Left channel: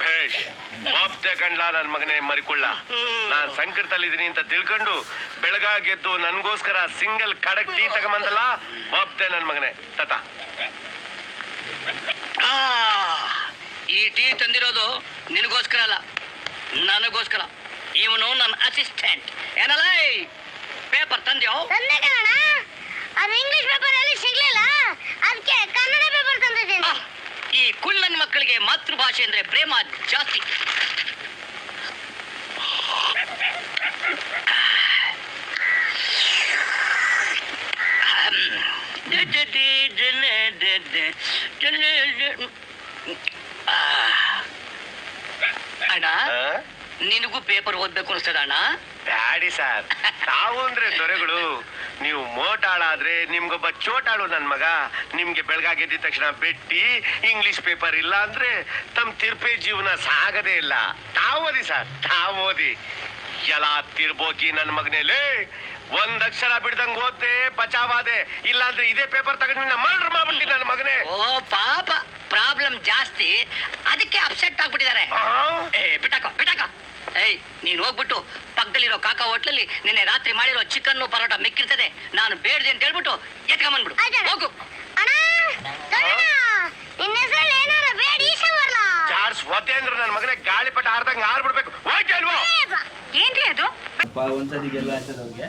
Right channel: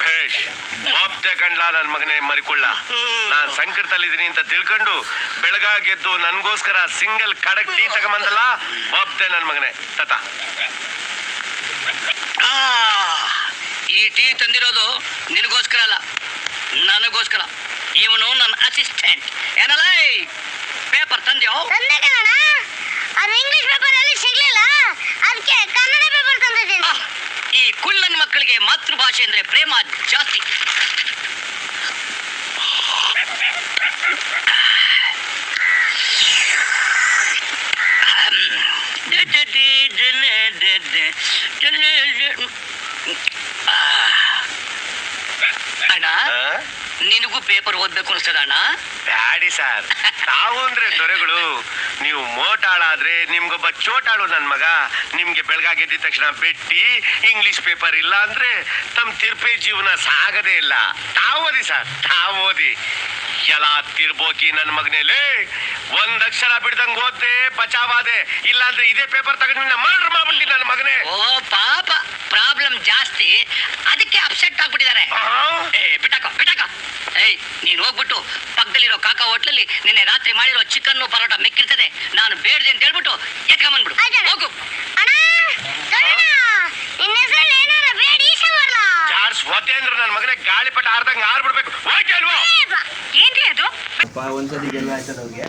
ಭೇಷ್ ಬಾಪ್ತೆ ಕಂಡ್ಲ ನನ್ ಮಗನೇ ಮರಿಕೊಳ್ಳ. ನಾನ್ ಸಂಕಟದಲ್ಲಿದ್ದೀನಿ ಅಂತ ತಿಳ್ಕೊಂಡು ಬೆಳಗಾಗೆದ್ದು ನನ್ಗೋಸ್ಕರ ಸಿಂಗಲ್ ಕಡಕ್ ಟೀ ತಗೊಂಬಂದಲ್ಲ. ಬಾಪ್ತೆ ನನ್ ಮಗನೇ ತತ. ಈ ಟೀ ತಂದಿರೋದು ನಿನಗೋಸ್ಕರ ಅಲ್ಲ, ನನಗೋಸ್ಕರ. ಇವನು ನನ್ನ ಅಸಿಸ್ಟೆಂಟ್. ಏನಲ್ಲ ಪೇಪರ್ ತಂದ್ಯೋ? ಅದು ಇಂಗ್ಲಿಷ್ ಪೇಪರ್ ಅಲ್ಲಿ ಸಿಗ್ಲಿಲ್ಲ, ಅದಕ್ಕೆ ಕನ್ನಡ ಪೇಪರ್ ತಂದಿದ್ದೀನಿ. ಈ ಕುಳ್ಳನ್ ಮಕ್ಕಳಿಗೆ ಮಾತೃಭಾಷೆ ಅಂದ್ರೆ ಪ್ರೇಮ ಜಾಸ್ತಿ. ಅಣ್ಣ, ನಿನಗೂ ಪೇಪರ್ ಓದ್ಬೇಕು ಅನ್ಸ್ತದ ಅಣ್ಣ? ಬ್ಯಾಡಿ ಸರ್, ತಾವು ಅಂದ್ರೆ ದೊರೆಗಳು. ನೀವು ಮೋಟಾಳಾದ್ರೆ ನಿಮ್ಗೊಬ್ಬ ಚೋಟಾಳು ನನ್ ಮಗ. ನಿಮ್ಗೆ ಬೆಳಗಾಗೆದ್ದ ತಕ್ಷಣ ಬೆಟ್ಟಿ ಇಂಗ್ಲಿಷ್ ಪೇಪರ್ ಇಲ್ಲ ಅಂದ್ರೆ ತಮ್ಮ ತಿರ್ಪೆ ಜೀವನ ಸಾಗದೇ ಇಲ್ಲ. ತಾವು ಓದಿ ಸರ್, ತಾವು ಓದಿ. ಎಲ್ಲ ತಿರ್ಬೋಕಿ ನನ್ ಮಗನೇಲಿ ಒಂದ್ ಅಕ್ಷರ ಬಿಡ್ದಂಗ್ ಓದ್ದೆ ಬಚಾವಾದೆ. ಇಲ್ಲ ಅಂದ್ರೆ ಇದೇ ಪೇಪರ್ ತಗೊಂಡು ಮರ್ಡರ್ ಮಾಡ್ಬಿಟ್ಟಿ ನನ್ ಮಗನೇ. ಓ ಪಾಪ, ಪ್ರಾಬ್ಲಮ್ ಜಾಸ್ತಿ, ಅದಕ್ಕೆ ಅಪ್ಸೆಟ್ ಆಗ್ಬಿಟ್ಟಿದ್ದಾರೆ. ಬಿಟ್ಟಾಕ ಬಿಟ್ಟಾಕ. ಏಯ್, ನೀನ್ ಹೋಗ್ಬಿಟ್ಟು ಪಕ್ಕದಲ್ಲಿರೋ ಕಾಕಾ ಹೋಟ್ಲಲ್ಲಿ ನಿನ್ನೆ ರಾತ್ರಿ ಮಾಡಿರೋ ಚಿಕನ್ ಪರೋಟ ಮಿಕ್ಕಿರ್ತದೆ, ನಾನು ಬೇಡ್ದೆ ಅಂತ ಹೇಳ್ಬಿಟ್ಟು ಎತ್ಕೊಂಬಂದ್ಬಿಡು. ಹೋಗು. ಚಾರ್ಜ್ ಒದ್ದೆ ಅಂದ್ರೆ ನನ್ ಮಗನೇ ಗಾಳಿಪಟ ಆರ್ದಂಗ್ ಆರ್ಬಿಡ್ಬೇಕು. ಹೋಗಿ ಅಲ್ವೋ? ಏನ್ರಿ ಅದು? ಒಂದ್ಸತಿ ಗೆಲ್ಲ ಆಯ್ತದ ಅವ್ರಿಗೆ.